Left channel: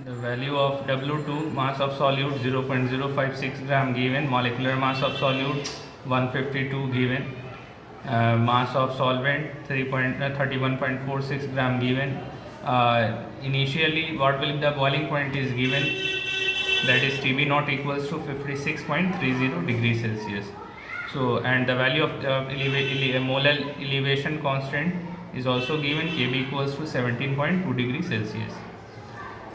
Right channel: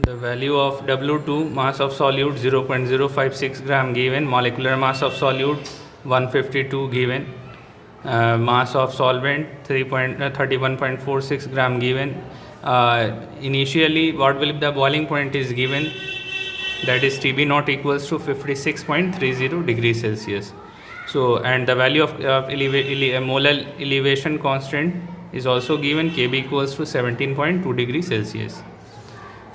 The value of W2, mass of solute 0.056 gram given, molecular mass of solute 152 given, mass of solvent 31.46 gram given. Initially, what will be the boiling point is given, that is TB naught equals to 56.30 degrees Celsius. So, and the value of molar elevation constant is also given, Kb equals to 17.2 degrees Celsius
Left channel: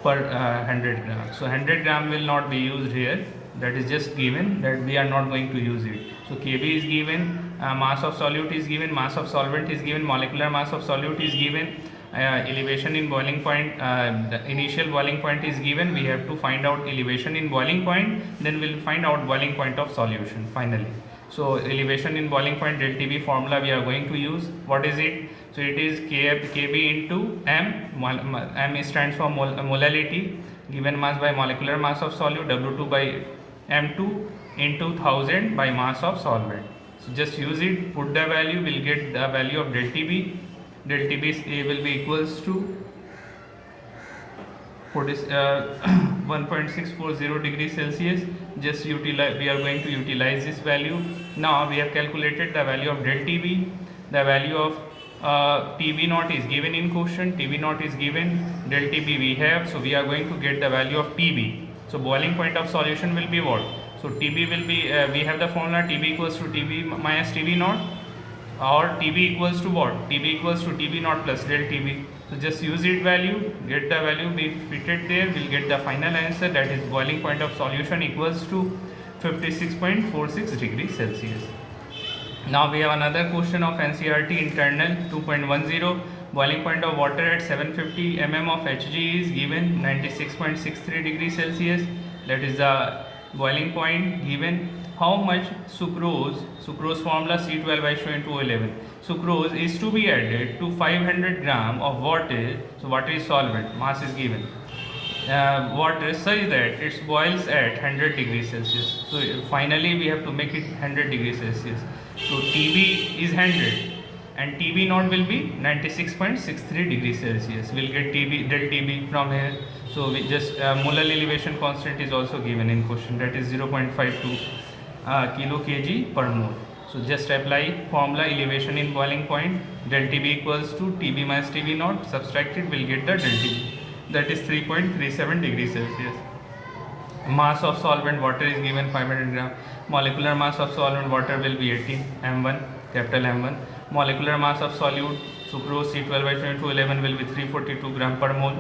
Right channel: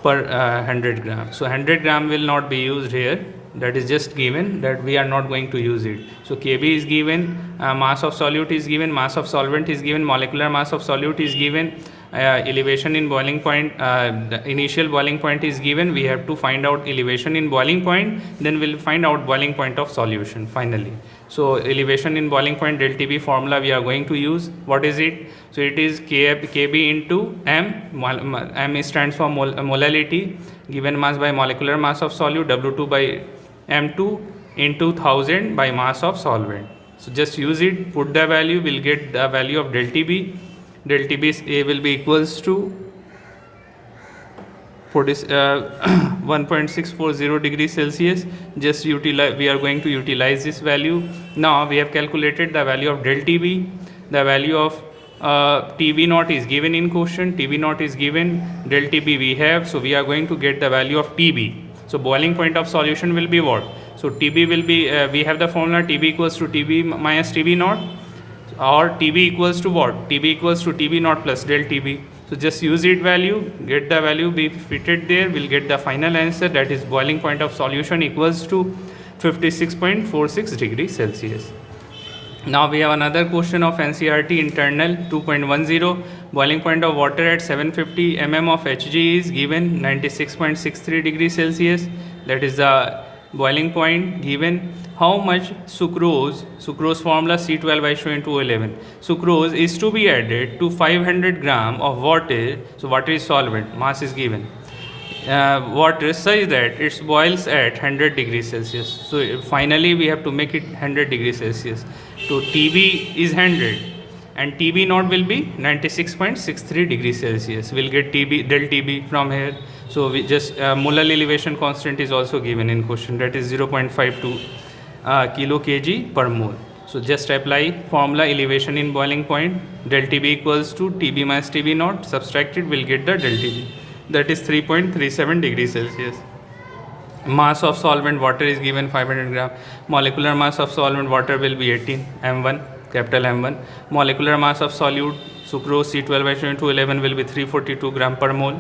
per 100 gram. So 100 gram will not be used here. That is just given, that we are not going to use it. So Kb is given, mass of solute is given, mass of solvent is given, molecular mass of solute is given, elevation in boiling point, the initial boiling point is given. We have to find out elevation in boiling point, then we'll find out boiling point of solution finally. So elevation in boiling point del Tb formula we are going to use. What is it? So it is Kb into m. M stands for molality, given mass by molecular mass of solute, W2 by m2 into 1000 by mass of solvent. So just use it, put the value, we'll get the value of del Tb. Del Tb will be equals to 1.640 degrees Celsius. Just utilize, we are going to utilize this value. Now we have calculated the value of del Tb. The value of Tb naught is given in question. Tb naught is given, del Tb we have, so we are going to get the value of Tb. So boiling point of solution will be what? So Tb will be, we have the formula Tb equals to Tb minus Tb naught, or Tb equals to what? Tb equals to Tb naught plus del Tb. So just use it value, get the value, be fitted there, we'll get the final answer, that is boiling point of solution equals to 56.46 degrees Celsius. Now we have another question of NCERT internal 2.10. Boiling point of water at 750 mm of Hg is given 96.63 degrees Celsius. That is the boiling point given. How much sucrose formula C12H2O11. Sucrose is to be added to 500 gram of water. So water is solvent, mass is given. Water such that it boils at 100 degrees Celsius. So finally we have to make it 100 degrees Celsius. So Tb is 100 and Tb naught will be 96.63 degrees Celsius. We'll get Tb del Tb from here. So we just molar elevation constant is also given in question, that is 0.52 kilo kg per mole. So just apply formula elevation in boiling point, del Tb equals to Tb minus Tb naught, subtract it, we'll get the del Tb, that is 3.37 degrees Celsius. Mass of solvent water is given 500 gram. Molecular mass of solvent water will be 18 m1, capital M1. Molecular mass of solute sucrose C12H2O11 will be 342 gram per mole.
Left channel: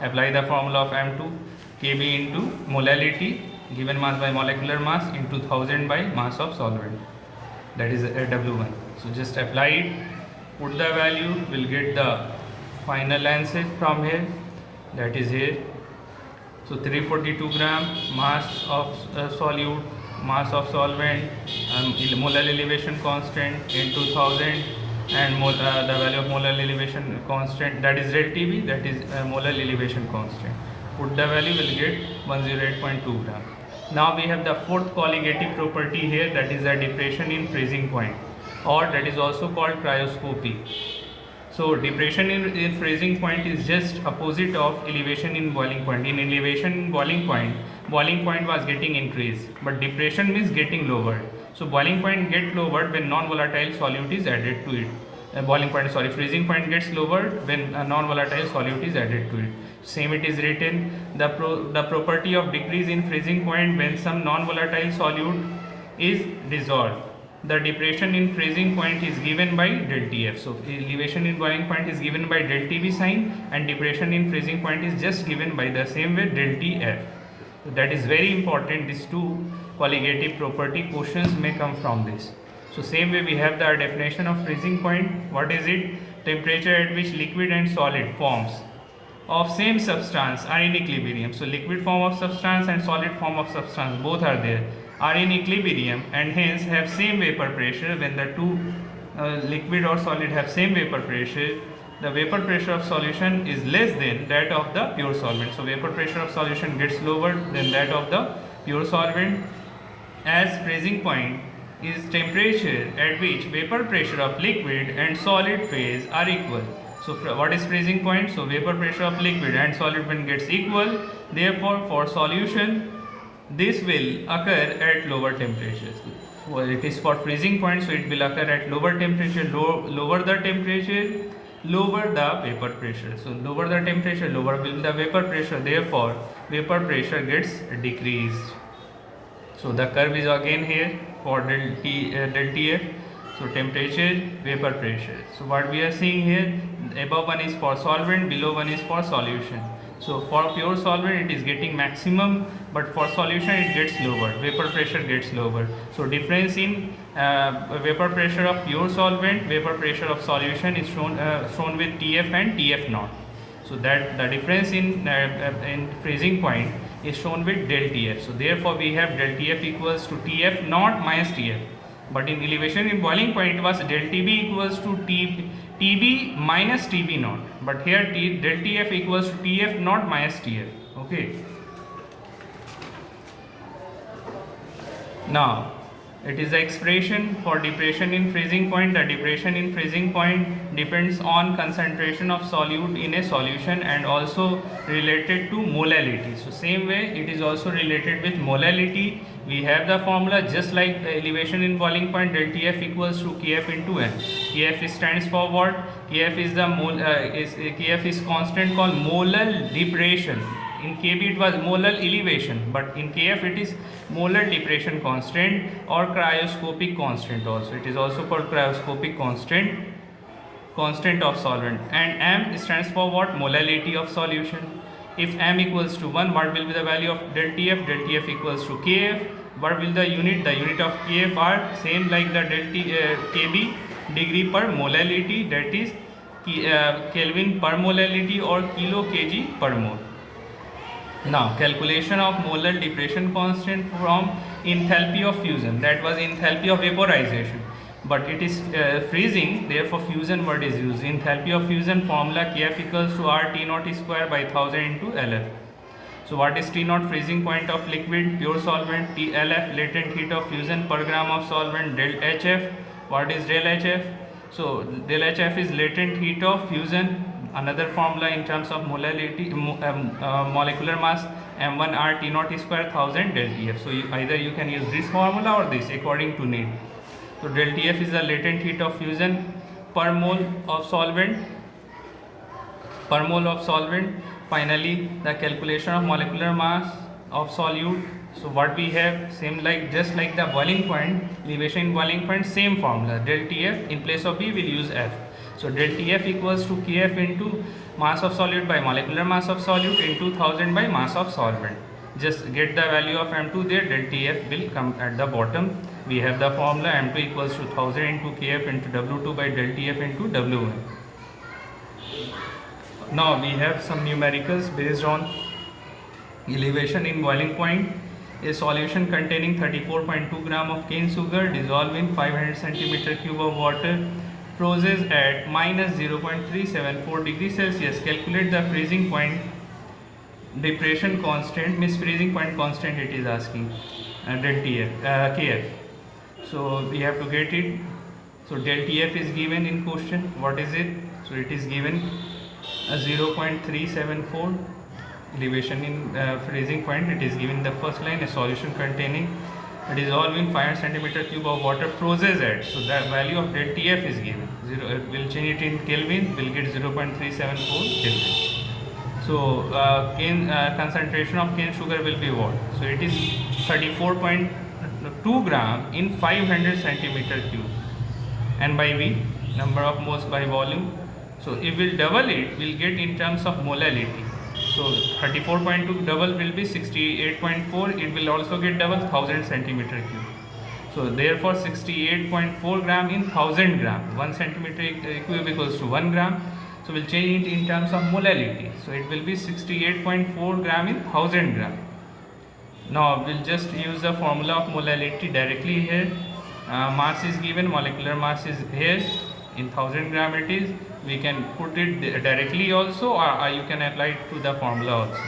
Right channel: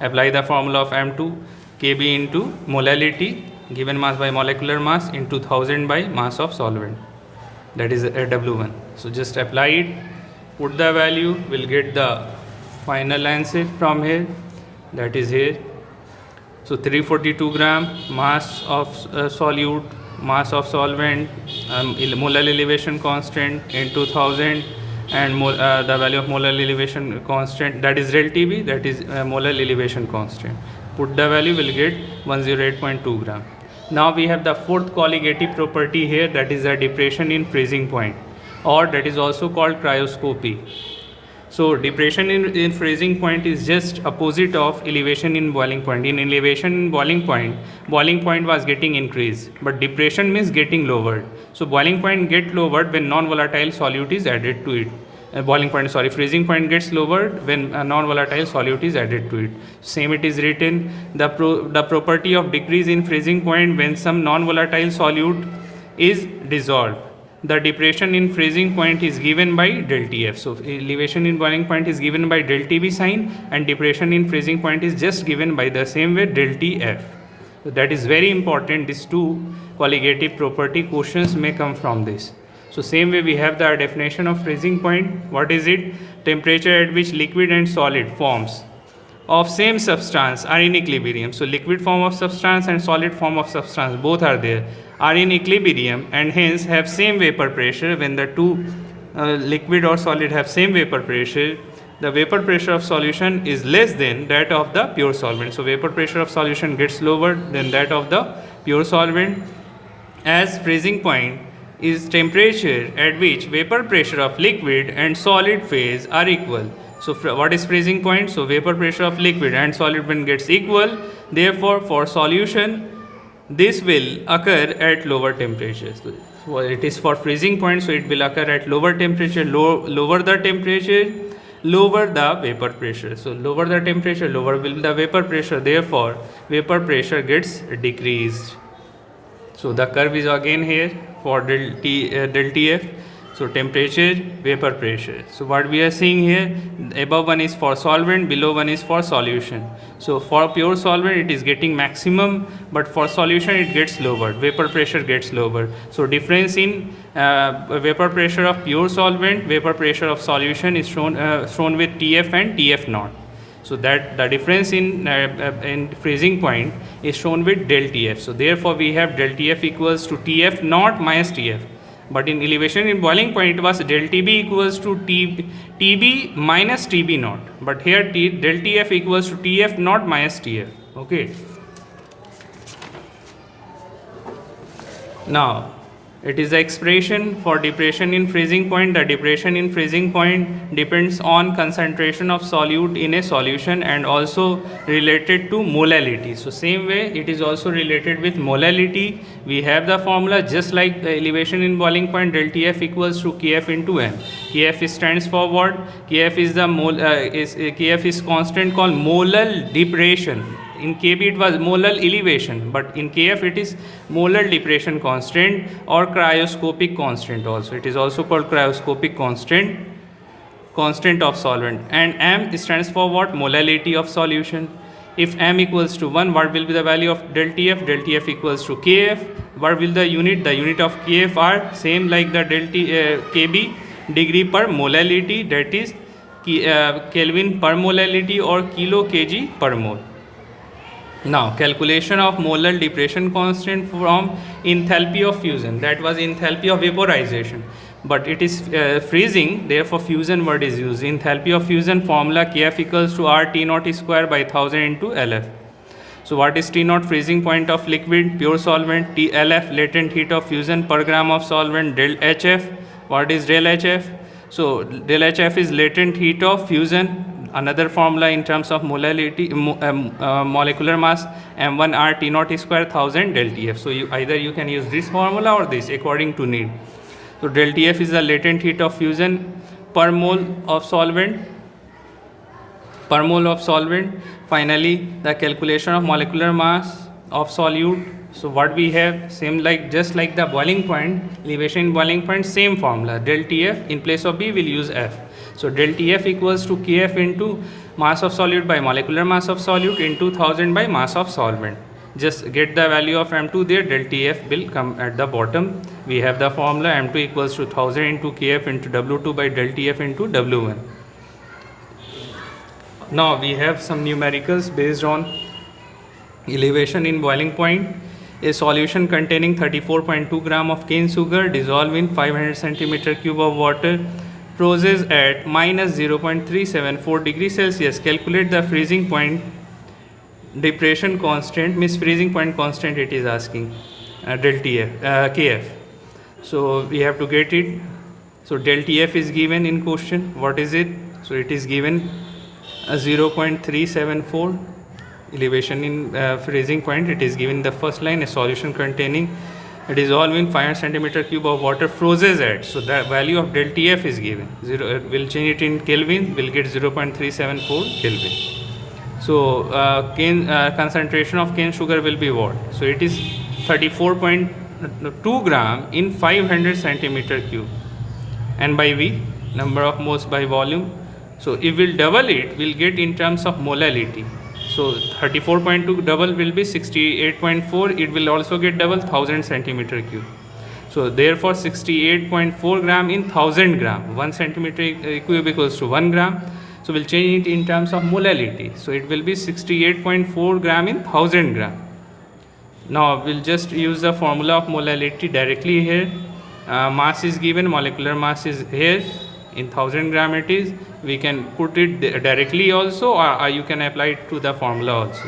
Apply the formula of M2, Kb into molality, given mass by molecular mass, into 1000 by mass of solvent, that is W1. So just apply it, put the value, we'll get the final answer from here, that is here. So 342 gram mass of solute, mass of solvent, molar elevation constant into 1000, and the value of molar elevation constant, that is del Tb, that is molar elevation constant. Put the value, will get 108.2 gram. Now we have the fourth colligative property here, that is the depression in freezing point, or that is also called cryoscopy. So depression in freezing point is just opposite of elevation in boiling point. In elevation in boiling point was getting increased, but depression means getting lowered. So boiling point get lowered when non-volatile solute is added to it. Freezing point gets lowered when a non-volatile solute is added to it. Same it is written, the property of decrease in freezing point when some non-volatile solute is dissolved. The depression in freezing point is given by del Tf. So elevation in boiling point is given by del Tb sign, and depression in freezing point is just given by the same way, del Tf. So that is very important. These two colligative property questions may come from this. So same way we have the definition of freezing point. What is it? Temperature at which liquid and solid forms of same substance are in equilibrium. So liquid form of substance and solid form of substance, both are there, are in equilibrium, and hence have same vapor pressure. When the two liquid or solid have same vapor pressure, the vapor pressure of solution is less than that of the pure solvent. So vapor pressure of solution gets lower than that of the pure solvent. As freezing point is temperature at which vapor pressure of liquid and solid phase are equal. So what is freezing point? So vapor pressure of liquid and solid when gets equal. Therefore, for solution, this will occur at lower temperatures. So it is for freezing point, so it will occur at lower temperature. Lower the temperature, lower the vapor pressure. So lower the temperature, lower will the vapor pressure. Therefore, vapor pressure gets decreased. So the curve is again here for del Tf. So temperature, vapor pressure. So what we are seeing here, above one is for solvent, below one is for solution. So for pure solvent it is getting maximum, but for solution it gets lower, vapor pressure gets lower. So difference in vapor pressure of pure solvent, vapor pressure of solution is shown with Tf and Tf naught. So that the difference in freezing point is shown with del Tf. So therefore we have del Tf equals to Tf naught minus Tf. But in elevation in boiling point it was del Tb equals to Tb minus Tb naught. But here del Tf equals to Tf naught minus Tf. Okay. Now it is the expression for depression in freezing point. The depression in freezing point depends on concentration of solute in a solution and also related to molality. So same way it is also related with molality. We have the formula just like the elevation in boiling point, del Tf equals to Kf into n. Kf stands for what? Kf is the Kf is constant called molal depression. In Kb it was molal elevation, but in Kf it is molar depression constant or cryoscopic constant also. It is also called cryoscopic constant of solvent. And M stands for what? Molality of solution. If M equals to 1, what will be the value of del Tf? Del Tf equals to Kf. What will the unit? The unit of Kf are same like the Kb, degree per molality, that is Kelvin per molality or kilo kg per mole. Now calculation of molar depression constant from enthalpy of fusion, that was enthalpy of vaporization, but it is freezing, therefore fusion word is used. Enthalpy of fusion formula Kf equals to R T naught square by 1000 into Lf. So what is T naught? Freezing point of liquid, pure solvent. T Lf latent heat of fusion per gram of solvent. Del Hf, what is del Hf? So del Hf is latent heat of fusion. Another formula in terms of molality, molecular mass, m1 r T naught square 1000 del Tf. So either you can use this formula or this according to need. So del Tf is the latent heat of fusion per mole of solvent. Finally, the calculation of molecular mass of solute. So what we have, same like just like the boiling point, elevation in boiling point, same formula. Del Tf in place of B we'll use F. So del Tf equals to Kf into mass of solute by molecular mass of solute into 1000 by mass of solvent. Just get the value of M2 there, del Tf will come at the bottom. We have the formula M2 equals to 1000 into Kf into W2 by del Tf into W1. Now we have some numericals based on elevation in boiling point. A solution containing 34.2 gram of cane sugar dissolved in 500 centimeter cube of water freezes at minus 0.374 degrees Celsius. Calculate the freezing point depression constant, means freezing point constant it is asking, del Tf, Kf. So we have to get it. So del Tf is given in question. What is it? So it is given 0.374 elevation in freezing point. It is given the first line, a solution containing dissolved in 500 centimeter cube of water freezes at. So the value of del Tf is given. We'll change it in Kelvin. We'll get 0.374 Kelvin. So cane concentration of cane sugar will be what? So it is 34.2 gram in 500 centimeter cube, and by V, number of moles by volume. So if we'll double it, we'll get in terms of molality. So 34.2 double will be 68.4. It will also get double 1000 centimeter cube. So therefore 68.4 gram in 1000 gram. 1 centimeter cube equals to 1 gram. So we'll change it in terms of molality. So it will be 68.4 gram in 1000 gram. Now we'll just use the formula of molality directly here. Mass is given, molecular mass is here. In 1000 gram it is. We can put it directly also, or you can apply it to the formula also.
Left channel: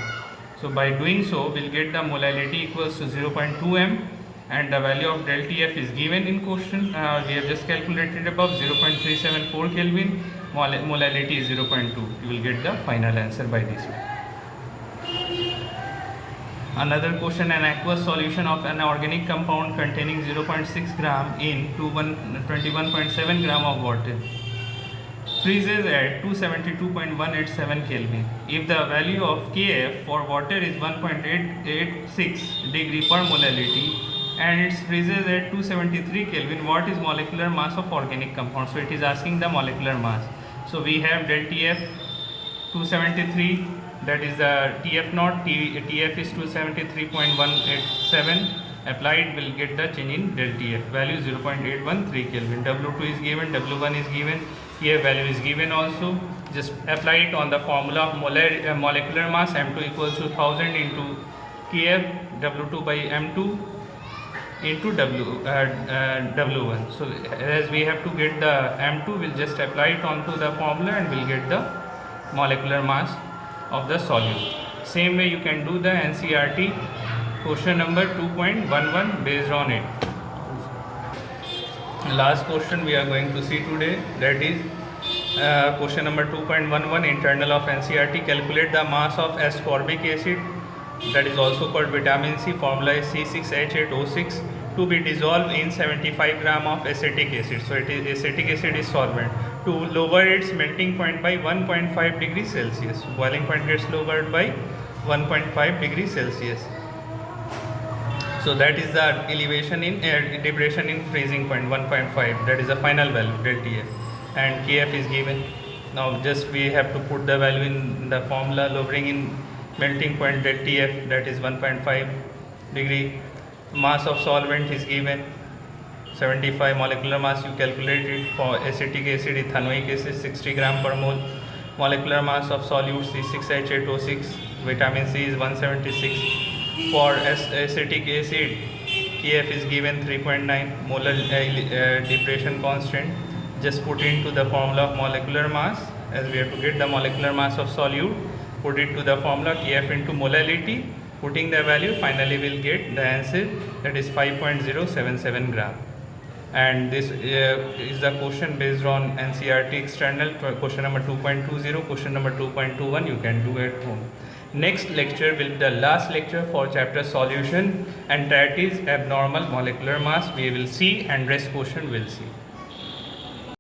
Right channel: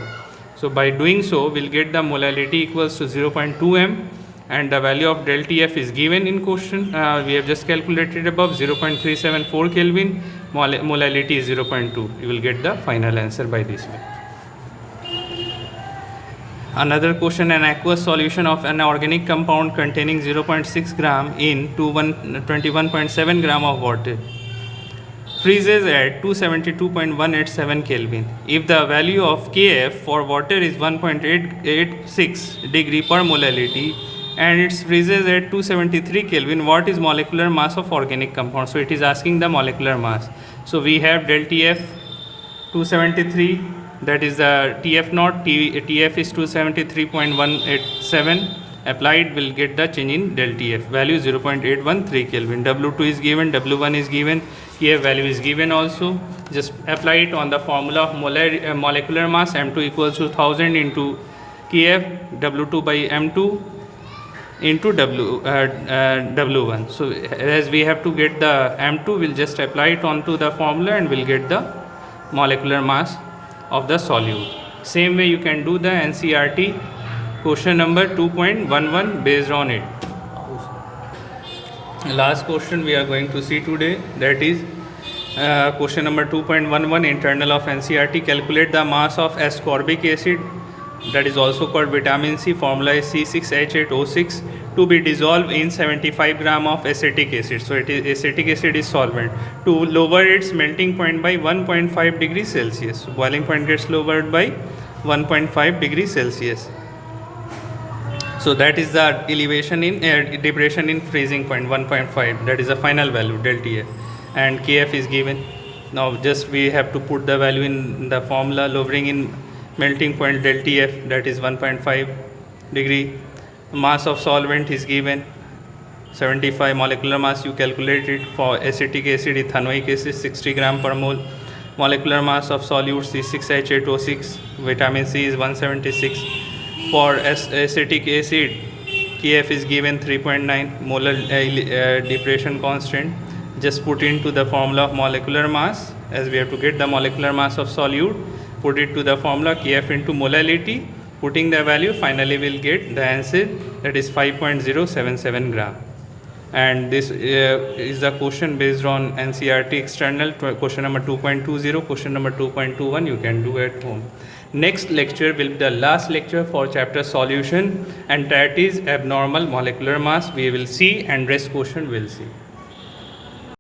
So by doing so, we'll get the molality equals to 0.2 m and the value of del TF is given in question. We have just calculated above 0.374 Kelvin, molality is 0.2. You will get the final answer by this way. Another question, an aqueous solution of an organic compound containing 0.6 gram in 21.7 gram of water freezes at 272.187 Kelvin. If the value of Kf for water is 1.886 degree per molality and it freezes at 273 Kelvin, what is molecular mass of organic compound? So it is asking the molecular mass. So we have del Tf 273, that is the Tf naught, Tf is 273.187, applied will get the change in del Tf, value 0.813 Kelvin. W2 is given, W1 is given, Kf value is given also. Just apply it on the formula of molecular mass, M2 equals to 1000 into Kf, W2 by M2 into W1. So as we have to get the M2, we'll just apply it onto the formula and we'll get the molecular mass of the solute. Same way you can do the NCERT question number 2.11 based on it. Last question we are going to see today, that is question number 2.11, internal of NCERT. Calculate the mass of ascorbic acid, that is also called vitamin C, formula is C6H8O6, to be dissolved in 75 gram of acetic acid. So it is acetic acid is solvent, to lower its melting point by 1.5 degrees Celsius. So boiling point gets lowered by 1.5 degrees Celsius. So that is the elevation in depression in freezing point 1.5, that is the final value del Tf, and Kf is given. Now just we have to put the value in the formula, lowering in melting point del Tf, that is 1.5 degree. Mass of solvent is given 75, molecular mass you calculated for acetic acid, ethanoic acid 60 gram per mole. Molecular mass of solute C6H8O6, vitamin C is 176. For acetic acid, Kf is given 3.9, molar depression constant. Just put into the formula of molecular mass, as we have to get the molecular mass of solute, put it to the formula Kf into molality, putting the value, finally we'll get the answer, that is 5.077 gram. And this is the question based on NCERT external, question number 2.20, question number 2.21 you can do at home. Next lecture will be the last lecture for chapter solution, and that is abnormal molecular mass we will see, and rest question we'll see.